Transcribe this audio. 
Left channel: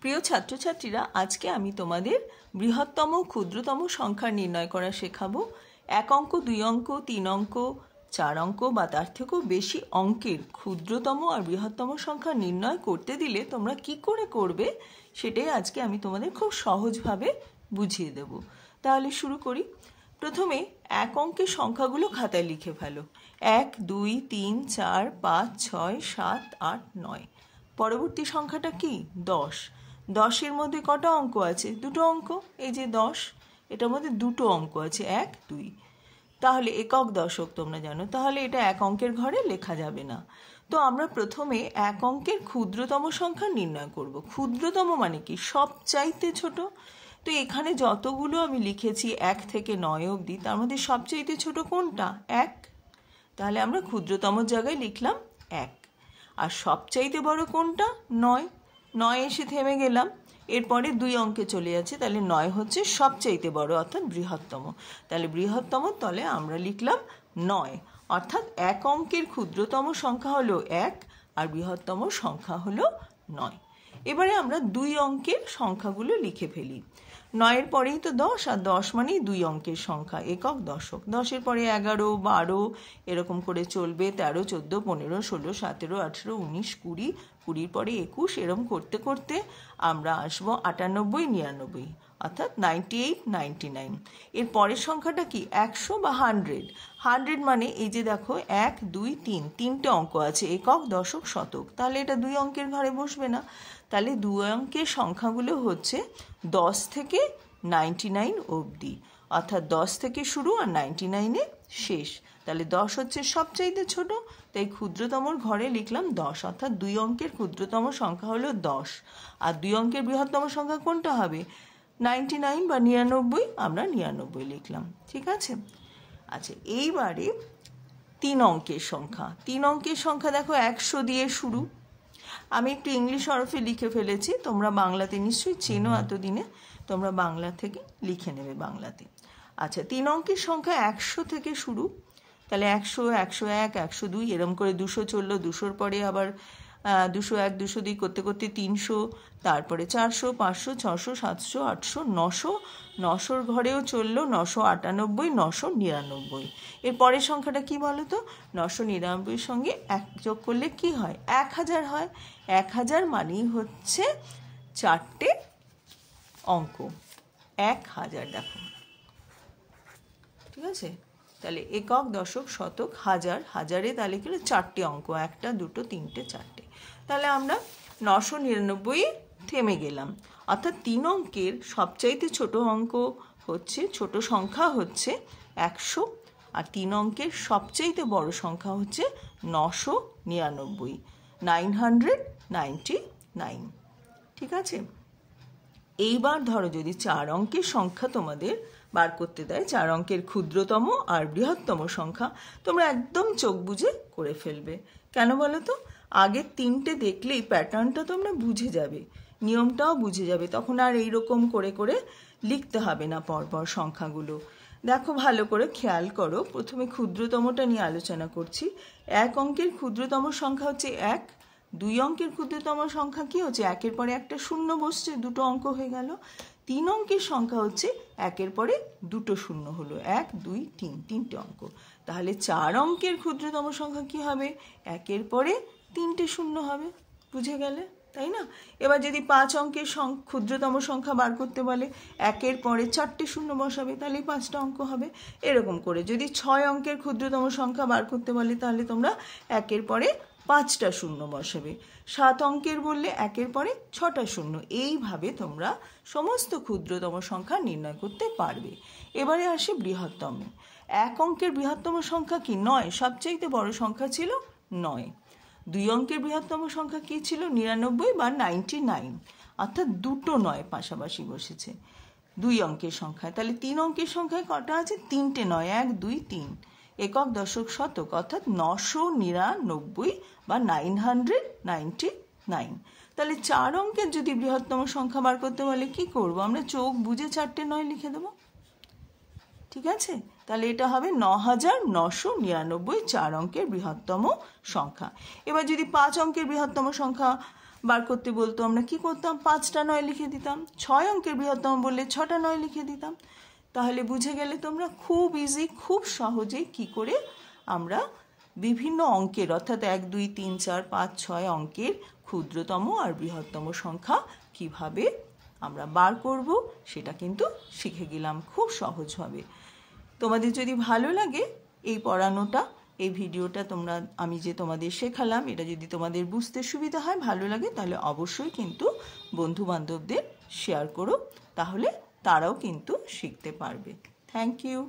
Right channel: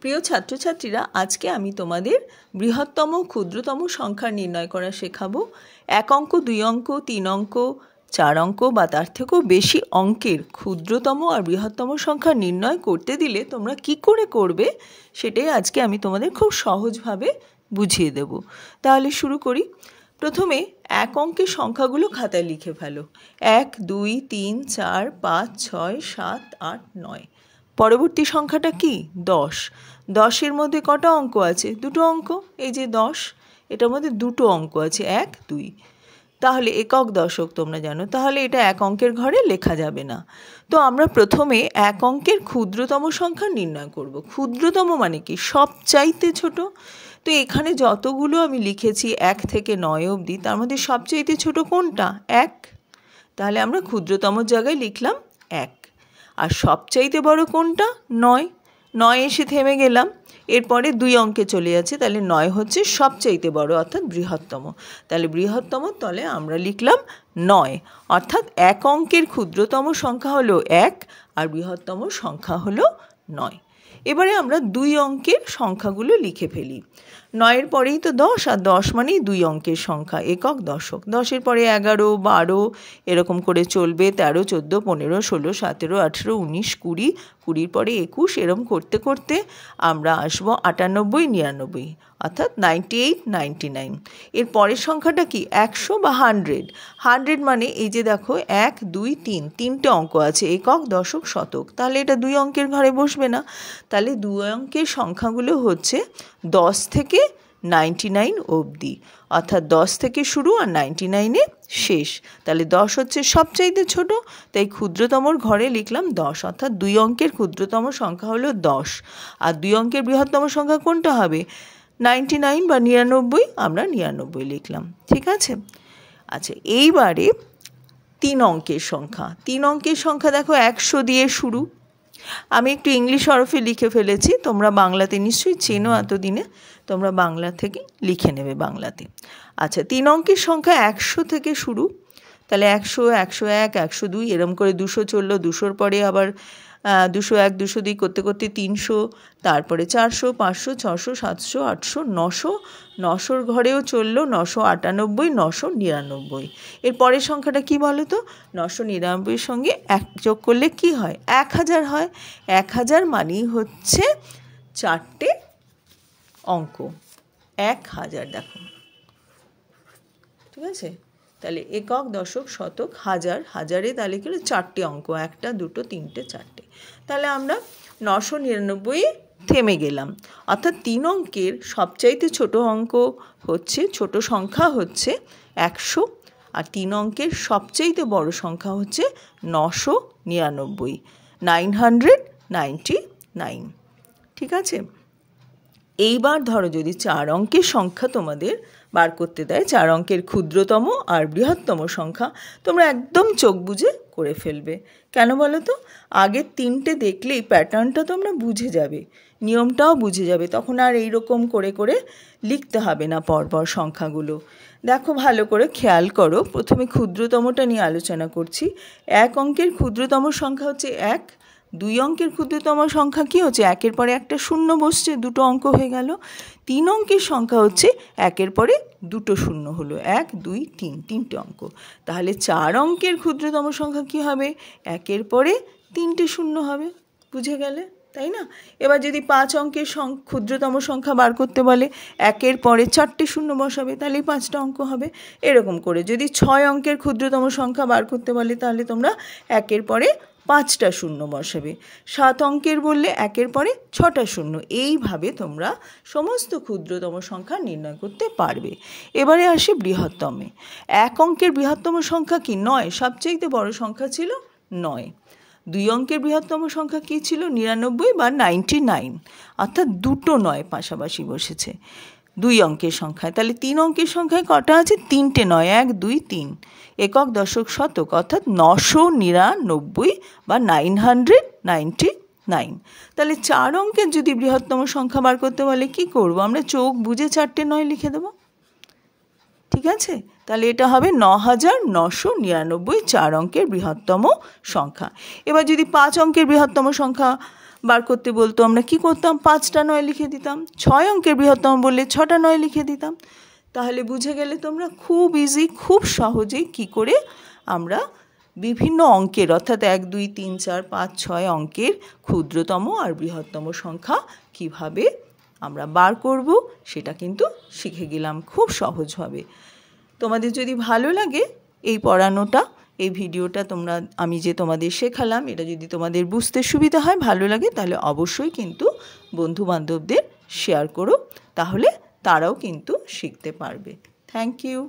প্রিয় ছাত্রছাত্রীরা, আজকে আমি তোমাদের বৃহত্তম ক্ষুদ্রতম সংখ্যা নির্ণয় করা শেখাবো। 1 অঙ্ক, 2 অঙ্ক, 3 অঙ্ক, 4 অঙ্ক বা তার থেকেও বেশি অঙ্কের ক্ষুদ্রতম আর বৃহত্তম সংখ্যা নির্ণয় করতে দিলে তোমরা কি করে করবে সেটাই আজকে আমি তোমাদের খুব সহজভাবে বুঝিয়ে দেব। তাহলে শুরু করি। প্রথমে 1 অঙ্কের সংখ্যাগুলো খাতায় লিখে ফেলো। 1, 2, 3, 4, 5, 6, 7, 8, 9। পরবর্তী সংখ্যাটা কি? 10। 10-এর মধ্যে কটা অঙ্ক আছে? দুটো অঙ্ক। এই যে 10, এটার মধ্যে দুটো অঙ্ক আছে, 1, 2। তাহলে একক দশক তোমরা জানো, তাহলে এটা 1 অঙ্কের ঘরে লেখা যাবে না। তো আমরা প্রথমে 1 অঙ্কের ক্ষুদ্রতম সংখ্যা নির্ণয় করব। ক্ষুদ্রতম মানে কি? সবচাইতে ছোট। তো এখানে যতগুলো আমি লিখেছি 1 থেকে 9 অবধি, তার মধ্যে সবচাইতে ছোট কোনটা? 1। তাহলে আমরা ক্ষুদ্রতম জায়গায় লিখলাম 1। আর সবচাইতে বড় কোনটা? 9। 9 এসে থেমে গেলাম, এরপরে 2 অঙ্কে চলে যাচ্ছে, তাহলে 9 হচ্ছে সবচাইতে বড় অর্থাৎ বৃহত্তম। তাহলে বৃহত্তম তলে আমরা লিখলাম 9, অর্থাৎ 1 অঙ্কের ক্ষুদ্রতম সংখ্যা হলো 1 আর বৃহত্তম সংখ্যা হলো 9। এবারে আমরা 2 অঙ্কের সংখ্যাগুলো লিখে ফেলি। 9-এর পরেই তো 10, আর 10 মানেই 2 অঙ্কের সংখ্যা, একক দশক। 10-এর পরে 11, 12 এরকম করে চলবে, 13, 14, 15, 16, 17, 18, 19, 20, 20-র পরে 21, এরকম করতে করতে আমরা আসবো 98, 99, অর্থাৎ 98, 99। এর পরের সংখ্যাটা কি? 100 বা 100। 100 মানে এই যে দেখো 1, 2, 3, 3টে অঙ্ক আছে, একক, দশক, শতক। তাহলে এটা 2 অঙ্কের ঘরে বসবে না। তাহলে 2 অঙ্কের সংখ্যাগুলো হচ্ছে 10 থেকে 99 অবধি, অর্থাৎ 10 থেকে শুরু আর 99-এ শেষ। তাহলে 10 হচ্ছে সবচাইতে ছোট, তাই ক্ষুদ্রতমর ঘরে লিখলাম 10, অর্থাৎ 2 অঙ্কের ক্ষুদ্রতম সংখ্যা হলো 10। আর 2 অঙ্কের বৃহত্তম সংখ্যা কোনটা হবে? 99 বা 99, আমরা 99 লিখলাম। ঠিক আছে? আচ্ছা, এইবারে 3 অঙ্কের সংখ্যা। 3 অঙ্কের সংখ্যা দেখো 100 দিয়ে শুরু। আমি একটু ইংলিশ হরফে লিখে ফেলেছি, তোমরা বাংলাতে নিশ্চয়ই চেনো, এতদিনে তোমরা বাংলা থেকে লিখে নেবে বাংলাতে। আচ্ছা, 3 অঙ্কের সংখ্যা 100 থেকে শুরু। তাহলে 100, 101, 102 এরম করে 200 চললো, 200-র পরে আবার 201, 202 করতে করতে 300, তারপরে 400, 500, 600, 700, 800, 900, 900-র ঘরেও চললো 998, 999। এর পরের সংখ্যাটা কি বলো তো? 999-এর সঙ্গে 1 যোগ করলে কি হয়? 1000 হয়। 1000 মানেই হচ্ছে 4টে অঙ্ক, 1000। দেখো, ঠিক আছে? তাহলে একক, দশক, শতক, হাজার। হাজারে তাহলে কি হলো? 4টে অঙ্ক, 1, 2, 3, 4টে। তাহলে আমরা 999 থেমে গেলাম। অর্থাৎ 3 অঙ্কের সবচাইতে ছোট অঙ্ক হচ্ছে, ছোট সংখ্যা হচ্ছে 100, আর 3 অঙ্কের সবচাইতে বড় সংখ্যা হচ্ছে 999, 999। ঠিক আছে? এইবার ধরো যদি 4 অঙ্কের সংখ্যা তোমাদের বার করতে দেয়, 4 অঙ্কের ক্ষুদ্রতম আর বৃহত্তম সংখ্যা, তোমরা একদম চোখ বুজে করে ফেলবে। কেন বলো তো? আগের 3টে দেখলেই প্যাটার্নটা তোমরা বুঝে যাবে, নিয়মটাও বুঝে যাবে, তখন আর এইরকম করে করে লিখতে হবে না পরপর সংখ্যাগুলো। দেখো, ভালো করে খেয়াল করো। প্রথমে ক্ষুদ্রতমটা নিয়ে আলোচনা করছি। 1 অঙ্কের ক্ষুদ্রতম সংখ্যা হচ্ছে 1। 2 অঙ্কের ক্ষুদ্রতম সংখ্যা কি হচ্ছে? 1-এর পরে একটা শূন্য বসছে, 2টো অঙ্ক হয়ে গেল। 3 অঙ্কের সংখ্যা হচ্ছে 1-এর পরে 2টো শূন্য হলো, 1, 2, 3, 3টে অঙ্ক। তাহলে 4 অঙ্কের ক্ষুদ্রতম সংখ্যা কি হবে? 1-এর পরে 3টে শূন্য হবে। বুঝে গেলে, তাই না? এবার যদি 5 অঙ্কের ক্ষুদ্রতম সংখ্যা বার করতে বলে, 1-এর পরে 4টে শূন্য বসাবে, তাহলে 5টা অঙ্ক হবে। এরকম করে যদি 6 অঙ্কের ক্ষুদ্রতম সংখ্যা বার করতে বলে, তাহলে তোমরা 1-এর পরে 5টা শূন্য বসাবে। 7 অঙ্কের বললে 1-এর পরে 6টা শূন্য। এইভাবে তোমরা সমস্ত ক্ষুদ্রতম সংখ্যা নির্ণয় করতে পারবে। এবারে আসি বৃহত্তমে। 1 অঙ্কের বৃহত্তম সংখ্যা কি? 9। সবচাইতে বড় সংখ্যা ছিল 9। 2 অঙ্কের বৃহত্তম সংখ্যা কি ছিল? 99 বা 99, অর্থাৎ 2টো 9 পাশাপাশি বসেছে 2 অঙ্কের সংখ্যায়। তাহলে 3 অঙ্কের সংখ্যায় কটা আছে? 3টে 9, 1, 2, 3। একক, দশক, শতক, অর্থাৎ 999 বা 999। তাহলে 4 অঙ্কের যদি বৃহত্তম সংখ্যা বার করতে বলে কি করব? আমরা চোখ বুঝে 4টে 9 লিখে দেব। ঠিক আছে? তাহলে এটা হবে 9999, 4 অঙ্কের বৃহত্তম সংখ্যা। এবার যদি 5 অঙ্কের বৃহত্তম সংখ্যা বার করতে বলতো আমরা কি করতাম, 5টা 9 লিখে দিতাম। 6 অঙ্কের বৃহত্তম বললে 6টা 9 লিখে দিতাম। তাহলে বুঝে গেলে তোমরা খুব ইজি, খুব সহজেই কি করে আমরা বিভিন্ন অঙ্কের অর্থাৎ 1 2 3 4 5 6 অঙ্কের ক্ষুদ্রতম আর বৃহত্তম সংখ্যা কিভাবে আমরা বার করব সেটা কিন্তু শিখে গেলাম খুব সহজভাবে। তোমাদের যদি ভালো লাগে এই পড়ানোটা, এই ভিডিওটা আমি যে তোমাদের শেখালাম এটা যদি তোমাদের বুঝতে সুবিধা হয়, ভালো লাগে, তাহলে অবশ্যই কিন্তু বন্ধু বান্ধবদের শেয়ার করো, তাহলে তারাও কিন্তু শিখতে পারবে। Thank you.